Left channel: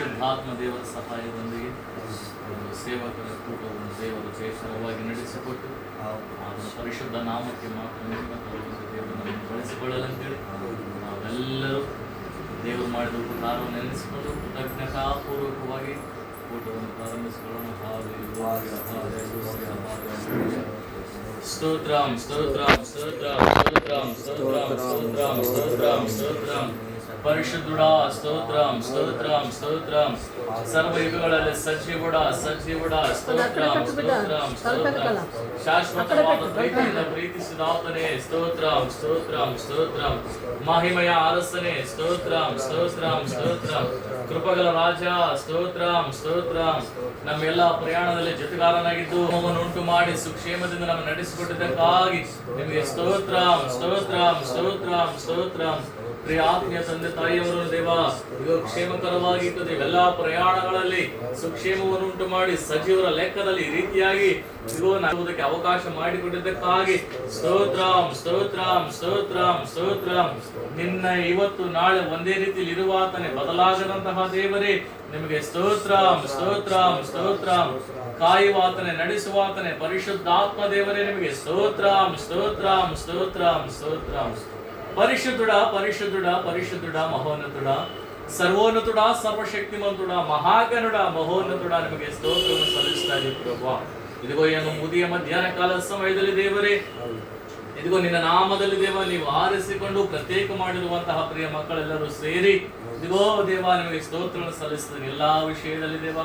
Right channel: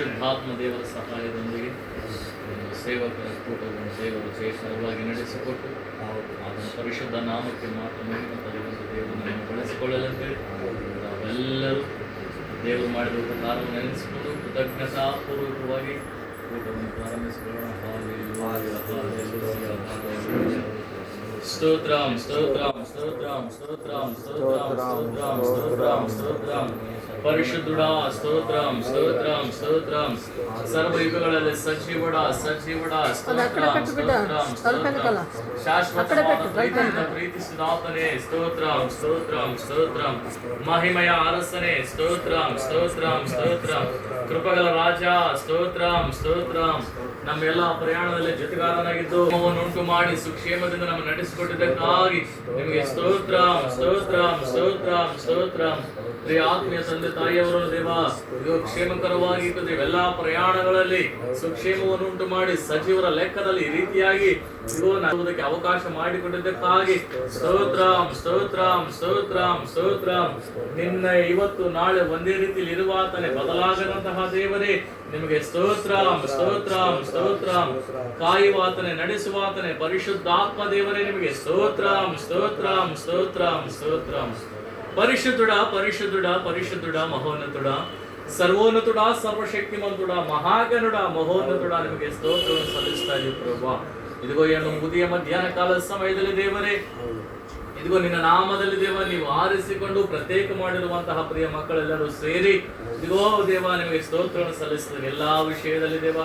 ಪರಿಶುದ್ಧಾತ್ಮ ದೇವರ ಸಹಾಯದೊಂದಿಗೆ ಸೇವಕರ ಕೂಟವನ್ನು ದೇವರು ಜಯಕರವಾಗಿ ನಡೆಸಿಕೊಟ್ಟು ಅದನ್ನು ಪರಿಶುದ್ಧ ನಾಮಕ್ಕೆ ಮಾತ್ರ ದೇವರು ನಮ್ಮನ್ನು ಬಳಸಿಕೊಳ್ಳಲೆಂದೇಳಿ ನಾವೆಲ್ಲರೂ ದೇವರು ಮಾಡಿದ ಉಪಕಾರವನ್ನು ನೆನೆಸಿಕೊಂಡು ಕೃತಜ್ಞತಾಪೂರ್ವಕವಾಗಿ ಕೂಟವನ್ನು ಪ್ರಾರಂಭಿಸಿಕೊಳ್ಳೋಣ. ಸ್ತೋತ್ರಂ ಸ್ತೋತ್ರಂ ಸ್ತೋತ್ರಂ ಸ್ತೋತ್ರಂ ಸ್ತೋತ್ರಂ ಸ್ತೋತ್ರಂ ಸ್ತೋತ್ರಂ ಸ್ತೋತ್ರಂ ಪರಿಶುದ್ಧುಡ ಸ್ತೋತ್ರಂ ಸ್ತೋತ್ರಂ ಸ್ತೋತ್ರಂ ಸರ್ವಯುಗಗಳಲ್ಲಿ ಸಜೀವುಡ ಸಜೀವುಡ ಸ್ತೋತ್ರಂ ಸ್ತೋತ್ರಂ ಸ್ತೋತ್ರಂ ಶಾಶ್ವತವಾದ ಪ್ರೀತಿಯಿಂದ ಪ್ರೀತಿಸಿದಾತನೇ ಸ್ತೋತ್ರಂ ಸ್ತೋತ್ರಂ ಸ್ತೋತ್ರಂ ಮಹಿಮೆಯ ಅರಸನೇ ಸ್ತೋತ್ರಂ ಸ್ತೋತ್ರಂ ಸ್ತೋತ್ರಂ ಕೃಪೆಗಳ ರಾಜ ಸ್ತೋತ್ರಂ ಸ್ತೋತ್ರಂ ನಮ್ಮೆಲ್ಲ ಪ್ರಯಾಣದಲ್ಲಿ ಜೊತೆಗಾರನಾಗಿದ್ದು ಉಂಟು ಮಾಡಿ ಸುಕ್ಷೇಮದಿಂದ ನಮ್ಮ ನಡೆಸಿಕೊಟ್ಟಿದ್ದಕ್ಕಾಗಿ ನಿಮಗೆ ಸ್ತೋತ್ರಂ ಸ್ತೋತ್ರಂ ಸ್ತೋತ್ರಂ ಸ್ತೋತ್ರಂ. ಪ್ರಿಯ ಆತ್ಮೀಯ ತಂದೆ ತಾಯಿಯವರು ದೇವ ಇದು ಕ್ಷೇಮಕರವಾಗಿ ಎಲ್ಲಾ ಪ್ರಯಾಣಗಳಲ್ಲಿ ಸುಕ್ಷೇಮವನ್ನು ಉಂಟು ಮಾಡಿ ಸಜೀವರ ಲೆಕ್ಕದಲ್ಲಿ ಈ ರೀತಿಯಾಗಿ ಇರುವುದಕ್ಕೆ ಅವಕಾಶ ಮಾಡಿಕೊಟ್ಟಿದ್ದಕ್ಕಾಗಿ ಸ್ತೋತ್ರಂ ಸ್ತೋತ್ರಂ ಸ್ತೋತ್ರಂ ಸ್ತೋತ್ರಂ. ನಿನ್ನ ಇವತ್ತು ನಾಳೆ ಒಂದೇ ರೀತಿಯಲ್ಲಿ ಇರುವಾತನೇ ಬದಲಾಗದಂತಹ ದೇವರೇ ನಿಮಗೆ ಸ್ತೋತ್ರಂ ಸ್ತೋತ್ರಂ ಸ್ತೋತ್ರಂ. ಕಾಯುವಾತನೇ ನಡೆಸುವಾತನೇ ಪರಿಶುದ್ಧಾತ್ಮ ದೇವರೇ ನಿಮಗೆ ಸ್ತೋತ್ರಂ ಸ್ತೋತ್ರಂ ಸ್ತೋತ್ರಂ ಸ್ತೋತ್ರಂ. ಪರಿಶುದ್ಧುಡ ಪರಿಶುದ್ಧುಡ ಪರಿಶುದ್ಧುಡ ಮಹೋನ್ನತುಡ ಸರ್ವೋನ್ನತುಡ ಸರ್ವಶಕ್ತಿಮಂತುಡ ಮಹಾಗನುಡ ಮಹೋನ್ನತುಡ ನಿಮಗೆ ಸ್ತೋತ್ರವನ್ನು ಸಲ್ಲಿಸ್ತಾ ಇದ್ದೀವಿ ಪ್ರಭು. ಇದಿಗೋ ಏನು ಮುದಿಯ ಮಧ್ಯಾಹ್ನ ಕಾಲದ ಸಮಯದಲ್ಲಿ ದೇವರೇ ಇದಿಗೋ ನಿನ್ನ ನಾಮದಲ್ಲಿ ದೇವ ನೀವು ಆರಿಸಿಕೊಂಡು ಪ್ರತ್ಯೇಕ ಮಾಡಿರುವಂತಹ ಪ್ರಿಯ ಮಕ್ಕಳೆಲ್ಲರೂ ಸೇರಿ ಇದಿಗೋ ದೇವ ನಿಮಗೆ ಸ್ತೋತ್ರವನ್ನು ಸಲ್ಲಿಸ್ತೇವೆ. ಎಲ್ಲಾ ವಿಷಯದಲ್ಲಿ ದೇವ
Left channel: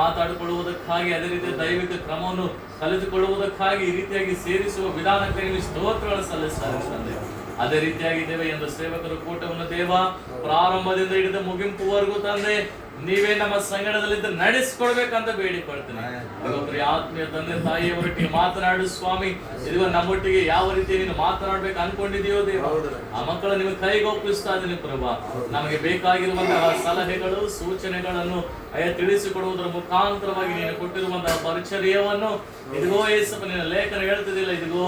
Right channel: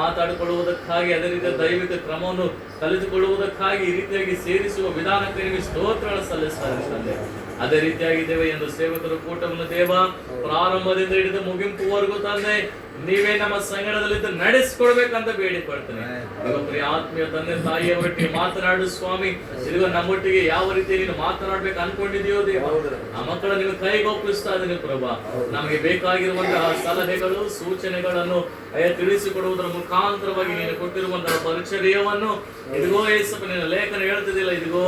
ಮಾತಾಡಿಕೊಳ್ಳುವುದಕ್ಕಾಗಿ ಅದೇ ರೀತಿಯ ದೈವಿಕ ಕ್ರಮವನ್ನು ಕಲಿತುಕೊಳ್ಳುವುದಕ್ಕಾಗಿ ಈ ರೀತಿಯಾಗಿ ಸೇರಿಸುವ ವಿಧಾನಕ್ಕೆ ನಿಮಗೆ ಸ್ತೋತ್ರಗಳನ್ನು ಸಲ್ಲಿಸ್ತಾರೆ. ಅದೇ ರೀತಿಯಾಗಿ ದೇವ ಎಂದು ಸೇವಕರು ಕೂಟವನ್ನು ದೇವ ಪ್ರಾರಂಭದಿಂದ ಹಿಡಿದು ಮುಗಿಂಪುವರೆಗೂ ತಂದೆ ನೀವೇ ನಮ್ಮ ಸಂಗಡದಲ್ಲಿದ್ದು ನಡೆಸಿಕೊಡ್ಬೇಕಂತ ಬೇಡಿಕೊಳ್ತೇನೆ. ಆತ್ಮೀಯ ತಂದೆ ತಾಯಿಯವರೊಟ್ಟಿಗೆ ಮಾತನಾಡು ಸ್ವಾಮಿ. ಇದಿಗೋ ನಮ್ಮೊಟ್ಟಿಗೆ ಯಾವ ರೀತಿ ನೀನು ಮಾತನಾಡ್ಬೇಕು ಅನ್ಕೊಂಡಿದೆಯೋ ದೇವ ಆ ಮಕ್ಕಳು ನೀವು ಕೈಗೊಪ್ಪಿಸ್ತಾ ಇದ್ದೀನಿ ಪ್ರಭಾ. ನಮಗೆ ಬೇಕಾಗಿರುವಂತಹ ಸಲಹೆಗಳು ಸೂಚನೆಗಳನ್ನು ತಿಳಿಸಿಕೊಡುವುದರ ಮುಖಾಂತರವಾಗಿ ನೀನು ಕೊಟ್ಟಿರುವಂತಹ ಪರಿಚರ್ಯವನ್ನು ಇದಿಗೋ ಏಸಪ್ಪ ನಿನ್ನ ಲೇಖನ ಹೇಳ್ತಿದ್ದಿಲ್ಲ ಇದಿಗೋ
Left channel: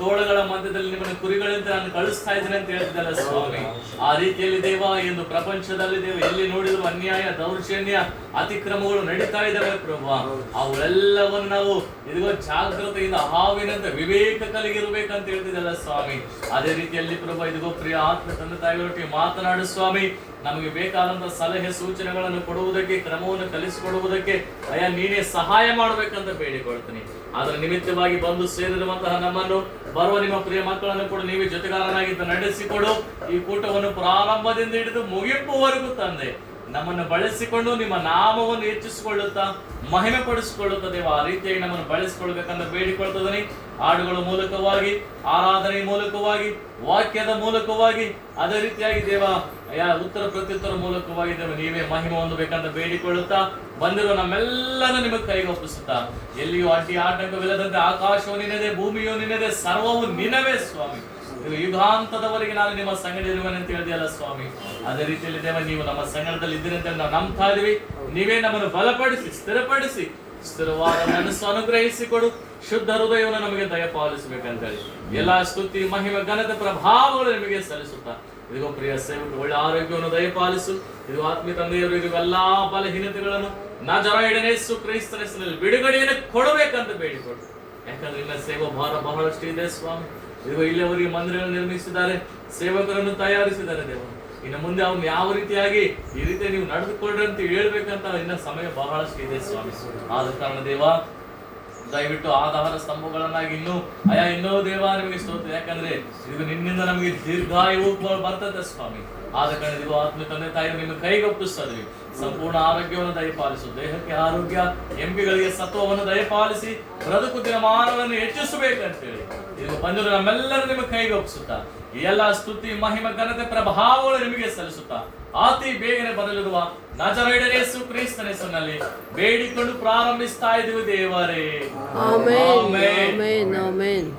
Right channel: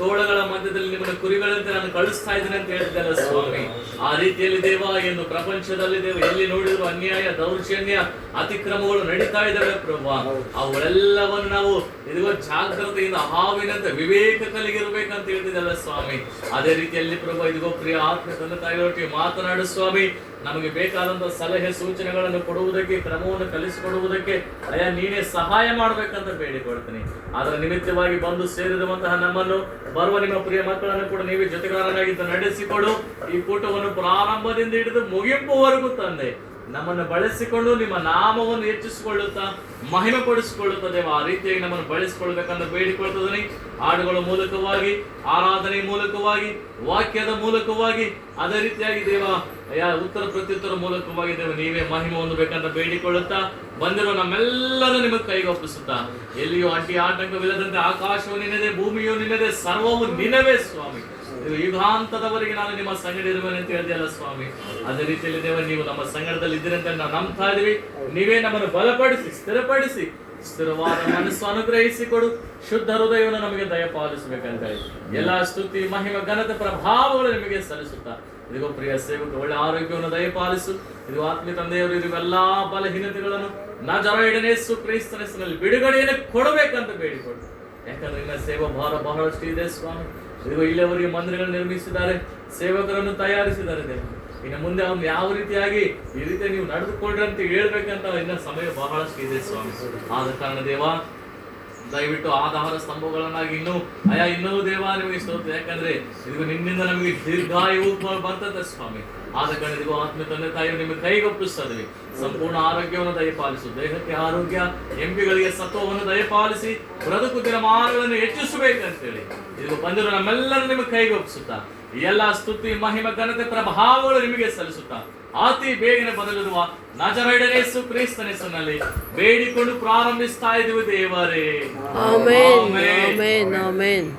ತೋಳಗಳ ಮಧ್ಯದಲ್ಲಿ ನಿಮ್ಮನ್ನು ಕುರಿಗಳಂತೆ ನಾನು ಕಳಿಸ್ತಾ ಇದ್ದೀನಿ ಅಂತ ಹೇಳ್ತಿದ್ದಲ್ಲ ಸ್ವಾಮಿ. ಆ ರೀತಿಯಲ್ಲಿ ದೇವ ಎಂದು ಪ್ರಪಂಚದಲ್ಲಿ ದೇವ ಎಲ್ಲಿ ನೋಡಿದ್ರು ಅನ್ಯಾಯ ದೌರ್ಜನ್ಯ ಅತಿಕ್ರಮಗಳು ನಡೀತಾ ಇದ್ದಾವೆ ಪ್ರಭಾ. ಅವೆಲ್ಲವನ್ನು ನಾವು ಇದಿಗೋ ಜಾಗ್ರತೆಯಿಂದ ಹಾವಿನಂತೆ ವಿವೇಕ ಕಲಿಗಿರ್ಬೇಕಂತ ಹೇಳ್ತಿದ್ದಲ್ಲ ಸ್ವಾಮಿ. ಅದೇ ರೀತಿಯಲ್ಲಿ ಪ್ರಭಾ ಇದಿಗೋ ಪ್ರಿಯ ಆತ್ಮ ತಂದೆ ತಾಯಿಗಳೊಟ್ಟಿಗೆ ಮಾತನಾಡು ಸ್ವಾಮಿ. ನಮಗೆ ಬೇಕಾದಂತಹ ಸಲಹೆ ಸೂಚನೆಗಳನ್ನು ಕೊಡುವುದಕ್ಕೆ ಕ್ರಮವನ್ನು ಕಲಿಸಿಕೊಡುವುದಕ್ಕೆ ನೀನೇ ಸಹಾಯ ಮಾಡ್ಬೇಕಂತ ಬೇಡಿಕೊಳ್ತೀನಿ. ಅದರ ನಿಮಿತ್ತವಾಗಿ ಬಂದು ಸೇರಿರುವಂತಹ ನಮ್ಮನ್ನು ಬರುವ ನಿಮ್ಮ ಪ್ರಿಯ ಮಕ್ಕಳನ್ನು ಕೂಡ ನೀವೇ ಜೊತೆಗಾರನಾಗಿದ್ದು ನಡೆಸಿಕೊಡು. ಈ ಕೂಟವನ್ನು ಪ್ರಾರಂಭದಿಂದ ಹಿಡಿದು ಮುಗಿಂಪುವರೆಗೂ ತಂದೆ ನಮ್ಮನ್ನು ಬಳಸಿಕೊಂಡು ನಿಮ್ಮ ನಾಮವನ್ನು ಹೆಚ್ಚಿಸಿಕೊಳ್ಳುತ್ತಾ ಮಹಿಮೆ ಪಡಿಸಿಕೊಳ್ಳುತ್ತಾ ದೇವ ಆ ರೀತಿಯಾಗಿ ನಮ್ಮನ್ನು ಬಳಸಿಕೊಳ್ಬೇಕಂತ ಬೇಡಿಕೊಳ್ತದನಿ. ಹಾಡುಗಳ ಮೂಲಕವಾಗಿ ಆರಾಧನೆ ಮೂಲಕವಾಗಿ ವಾಕ್ಯದ ಮೂಲಕವಾಗಿ ಅದೇ ರೀತಿಯಾಗಿ ದೇವ ಉತ್ತರ ಪ್ರತ್ಯುತ್ತರ ಮೂಲಕವಾಗಿ ದೇವ ನೀವೇ ಮಹಿಮೆ ಹೊಂದಬೇಕಂತ ಬೇಡಿಕೊಳ್ಳುತ್ತಾ ಬಂದಿರೋ ನಮ್ಮೆಲ್ಲರೂ ನಿಮಗೆ ಕೈಗೊಪ್ಪಿಸುತ್ತಾ ಎಲ್ಲಿಯೂ ಅಡ್ಡಿ ಆಟಂಕವಿಲ್ಲದಂತೆ ಆಕಾಶವು ನಿನ್ನದೇ ಭೂಮಿಯು ನಿನ್ನದೇ ಸರ್ವವು ನಿನ್ನವೇ ಸ್ವಾಮಿ. ಯುಗಾಂತದವರೆಗೆ ನಾನು ನಿಮ್ಮ ಸಂಗಡ ಇರುವೆನು ಅಂತ ಹೇಳಿದೆಯಲ್ಲ ಸ್ವಾಮಿ. ಅದೇ ರೀತಿಯಲ್ಲಿ ದೇವ ನೀವು ನಮ್ಮ ಸಂಗಡದಲ್ಲಿ ಇದ್ದೀರಿ ಅಂತ ನಾವು ನಂಬ್ತಾ ಇದೀವಿ. ನೀವೇ ನಮ್ಮನ್ನು ಬಲಪಡಿಸಿ ಸ್ಥಿರಪಡಿಸಿ ಸ್ಥಿರವಾದ ಮನಸ್ಸು ಅನುಗ್ರಹಿಸಿಕೊಡು. ಶುದ್ಧ ಹೃದಯವನ್ನು ನಮಗೆ ದಯಪಾಲಿಸಬೇಕಂತ ಹೇಳಿ ಎಲ್ಲಾ ಸ್ತುತಿ ಮಹಿಮೆ ಘನತೆ ಪ್ರಭಾವಗಳು ನಿಮಗೆ ಸಲ್ಲಿಸುತ್ತಾ ಇದಿಗೋ ಪ್ರಿಯ ಸೇವಕ ಒಳ್ಳೆ ಆರೋಗ್ಯವನ್ನು ದಯಪಾಲಿಸು. ಇದು ಆತ್ಮೀಯ ತಂದೆಯವರು ಇದು ಎಲ್ಲಾ ಬಲಹೀನತೆಗಳನ್ನು ನಜರೇಯನ ಯೇಸು ಕ್ರಿಸ್ತನ ಹೆಸರಿನಲ್ಲಿ ಬಿಡುಗಡೆಯನ್ನು ಕೊಡಬೇಕಂತ ಬೇಡಿಕೊಡು. ಯಾಕಂದ್ರೆ ಇನ್ನ ಸೇವಾ ಭಾರ ಬಹಳಷ್ಟು ಇದೆ ಸ್ವಾಮಿ. ಇದಿಗೋ ಇಲ್ಲಿಯವರಿಗೆ ಮಂದಿರಗಳನ್ನು ನಿರ್ಮಿಸಿದ್ದಾರೆ, ಸೇವಕರನ್ನು ತಯಾರಿಸಿದ್ದಾರೆ ದೇವ. ಇನ್ನು ಮುಂದೆ ಅವ್ನು ಯಾವ ರೀತಿಯಾಗಿ ಈ ರೀತಿ ನೀವು ನಡೆದುಕೊಳ್ಳ್ರಿ ಅಂತ ಹೇಳ್ಬೇಕಂತ ಇನ್ನ ಸಮಯ ಬಹಳಷ್ಟು ಇದೆ ಸ್ವಾಮಿ. ಆದ ಕಾರಣ ದೇವ ದಯವಿಟ್ಟು ಆಧಾರ ಸ್ತಂಭಗಳನ್ನಾಗಿ ಇನ್ನೂ ದೇವ ನಿಮಗೆ ಸ್ತೋತ್ರ. ಯಾಕಂದ್ರೆ ಇದು ನಿನ್ನಿಂದ ನಮಗೆ ದೀರ್ಘಾಯು ಬರ್ತದೆ ಸ್ವಾಮಿ. ಆದ ಕಾರಣ ಇದಿಗೋ ಆತ್ಮ ತಂದೆ ತಾಯಿಯನ್ನು ನಿಮಗೆ ಕೈಗೊಪ್ಪಿಸ್ತದೆ. ಸಂಪೂರ್ಣ ಆರೋಗ್ಯವನ್ನು ದಯಪಾಲಿಸು. ದೇಹಕ್ಕೆ ಆರೋಗ್ಯ ಎಂಪಿಗಳಿಗೆ ಸತ್ವವನ್ನು ದಯಪಾಲಿಸಿ ಬದುಕು ದಿನಮಾನಗಳನ್ನು ಹೆಚ್ಚಿಸಬೇಕಂತೇಳಿ ಇದು ಬಂದಿರೋ ನಮ್ಮೆಲ್ಲರೂ ನಿಮಗೆ ಕೈಗೊಪ್ಪಿಸುತ್ತಾ ಎಲ್ಲ ಸ್ತುತಿ ಮಹಿಮೆ ಘನತೆ ಪ್ರಭಾವಗಳು ನಿಮಗೆ ಸಲ್ಲಿಸುತ್ತಾ ಅತಿ ಬೇಗನೆ ಬದಲಿರುವ ನಜರೇಯನ ಯೇಸು ಕ್ರಿಸ್ತನ ಹೆಸರಿನಲ್ಲಿ ಬೇಡಿಕೊಂಡು ಪ್ರಾರಂಭಿಸ್ತಾ ಇದ್ದೀವಿ ದೇವರೇ. Amen amen amen.